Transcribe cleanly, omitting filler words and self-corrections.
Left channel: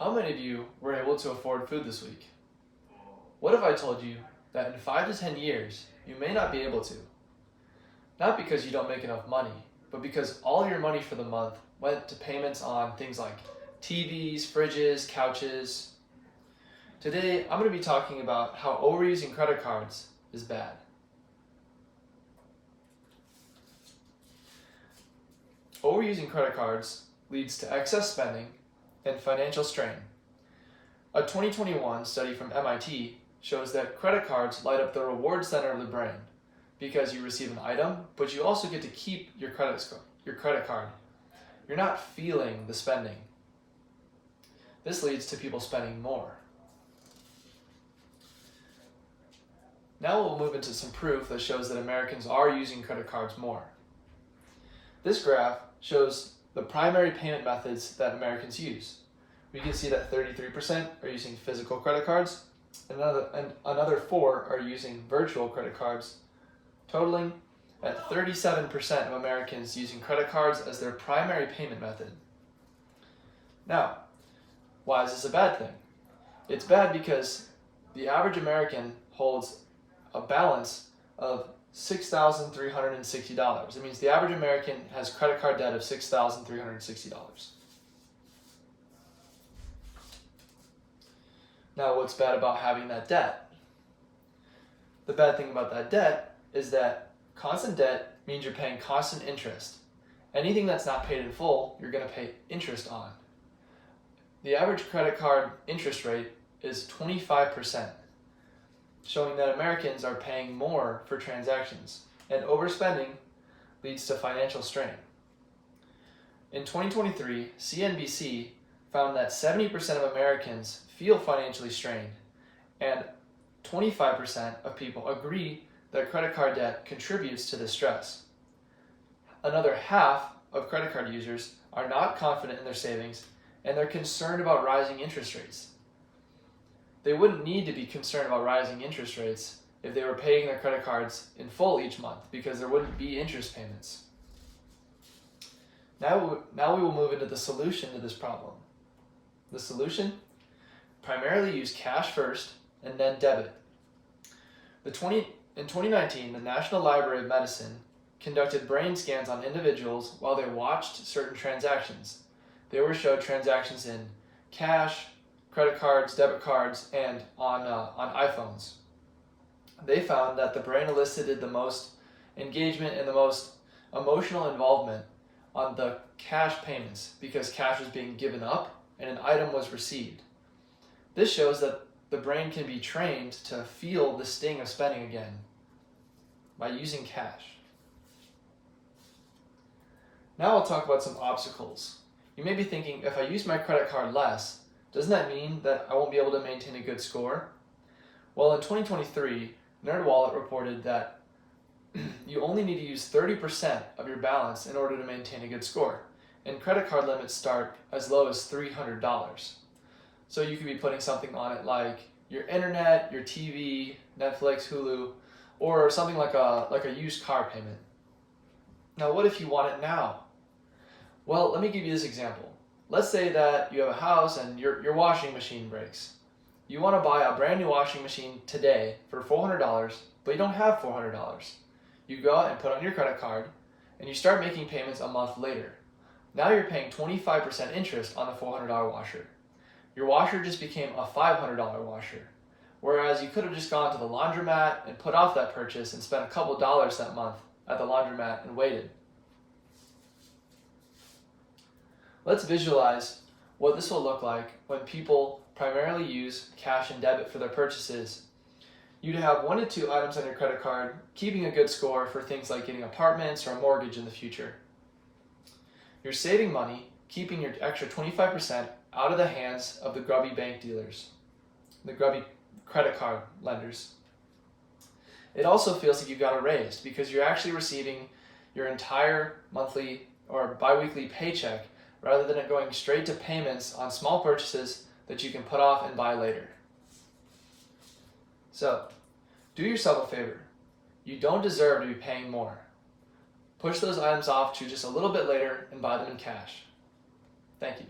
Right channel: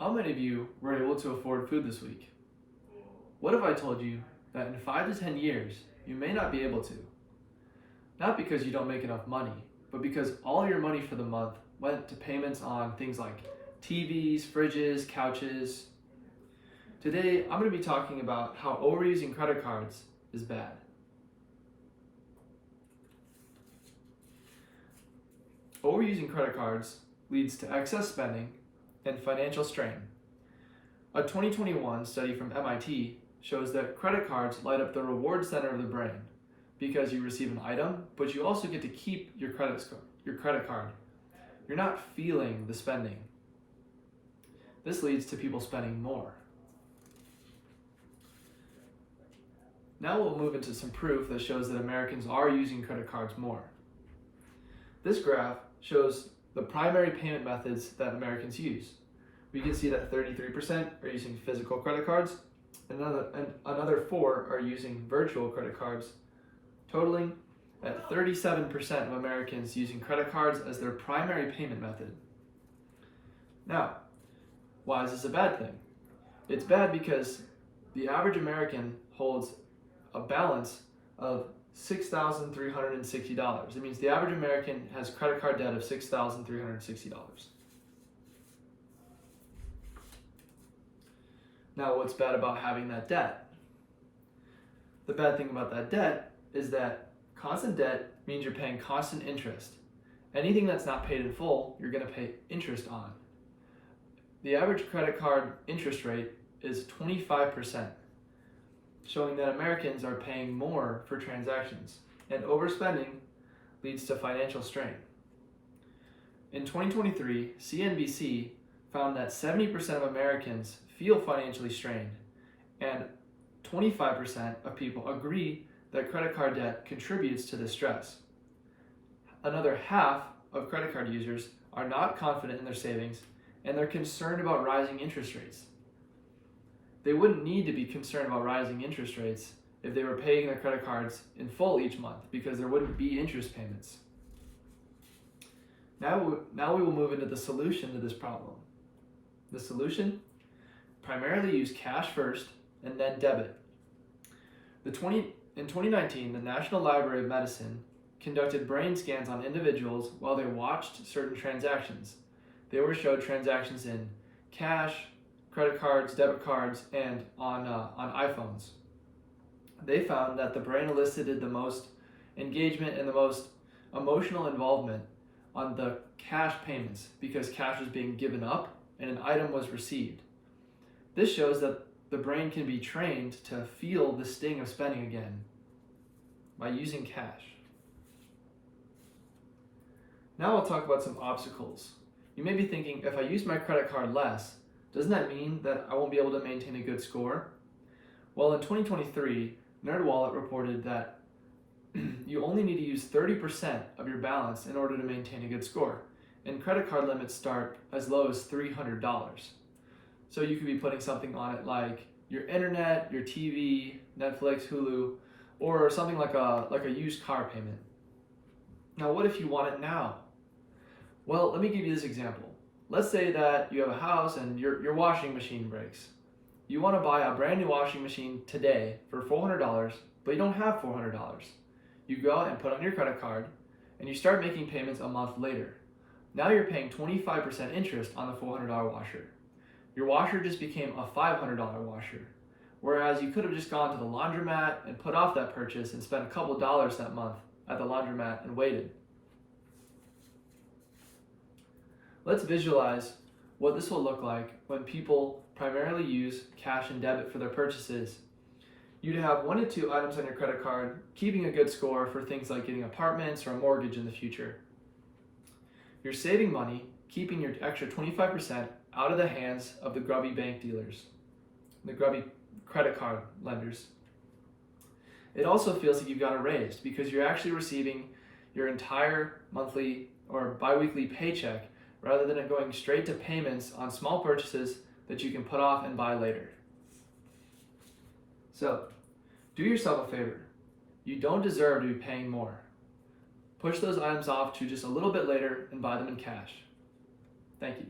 How many of you were able to afford food this week? What if I told you that in 5 to 10 years, you may not be able to? Not because you don't make enough money, but because all your money for the month went to payments on things like TVs, fridges, couches. Today, I'm going to be talking about how overusing credit cards is bad. Overusing credit cards leads to excess spending and financial strain. A 2021 study from MIT shows that credit cards light up the reward center of the brain because you receive an item, but you also get to keep your credit card. You're not feeling the spending. This leads to people spending more. Now we'll move into some proof that shows that Americans are using credit cards more. This graph shows the primary payment methods that Americans use. We can see that 33% are using physical credit cards, and another 4 are using virtual credit cards, totaling at 37% of Americans using credit cards as their primary payment method. Now, why is this a bad thing? It's bad because the average American holds a balance of $6,360. It means the average American has credit card debt of $6,360. Now, what's bad about having that debt? The bad thing about that debt is that constant debt means you're paying constant interest. Anything that's not paid in full, you're going to pay interest on. The average credit card interest rate is 25%, showing that Americans are paying more for transactions, and overspending leads to financial strain. In 2023, CNBC found that 70% of Americans feel financially strained, and 25% of people agree that credit card debt contributes to this stress. Another half of credit card users are not confident in their savings, and they're concerned about rising interest rates. They wouldn't need to be concerned about rising interest rates if they were paying their credit cards in full each month, because there wouldn't be interest payments. Now we will move into the solution to this problem. The solution? Primarily use cash first and then debit. In 2019, the National Library of Medicine conducted brain scans on individuals while they watched certain transactions. They were showed transactions in cash, credit cards, debit cards, and on iPhones. They found that the brain elicited the most engagement and the most emotional involvement on the cash payments because cash was being given up and an item was received. This shows that the brain can be trained to feel the sting of spending again by using cash. Now I'll talk about some obstacles. You may be thinking, if I use my credit card less, doesn't that mean that I won't be able to maintain a good score? Well, in 2023, NerdWallet reported that you only need to use 30% of your balance in order to maintain a good score, and credit card limits start as low as $300. So you could be putting something on it like your internet, your TV, Netflix, Hulu, or something like a used car payment. Now, what if you want it now? Well, let me give you this example. Let's say that you have a house and your washing machine breaks. You want to buy a brand new washing machine today for $400, but you don't have $400. You go out and put on your credit card, and you start making payments a month later. Now you're paying 25% interest on the $400 washer. Your washer just became a $500 washer, whereas you could have just gone to the laundromat and put off that purchase and spent a couple dollars that month at the laundromat and waited. Let's visualize what this will look like when people primarily use cash and debit for their purchases. You'd have 1 to 2 items on your credit card, keeping a good score for things like getting apartments or a mortgage in the future. You're saving money, keeping your extra 25% out of the hands of the grubby bank dealers, the grubby credit card lenders. It also feels like you got a raise because you're actually receiving your entire monthly or bi-weekly paycheck rather than it going straight to payments on small purchases that you can put off and buy later. So, do yourself a favor. You don't deserve to be paying more. Push those items off to just a little bit later and buy them in cash. Thank you.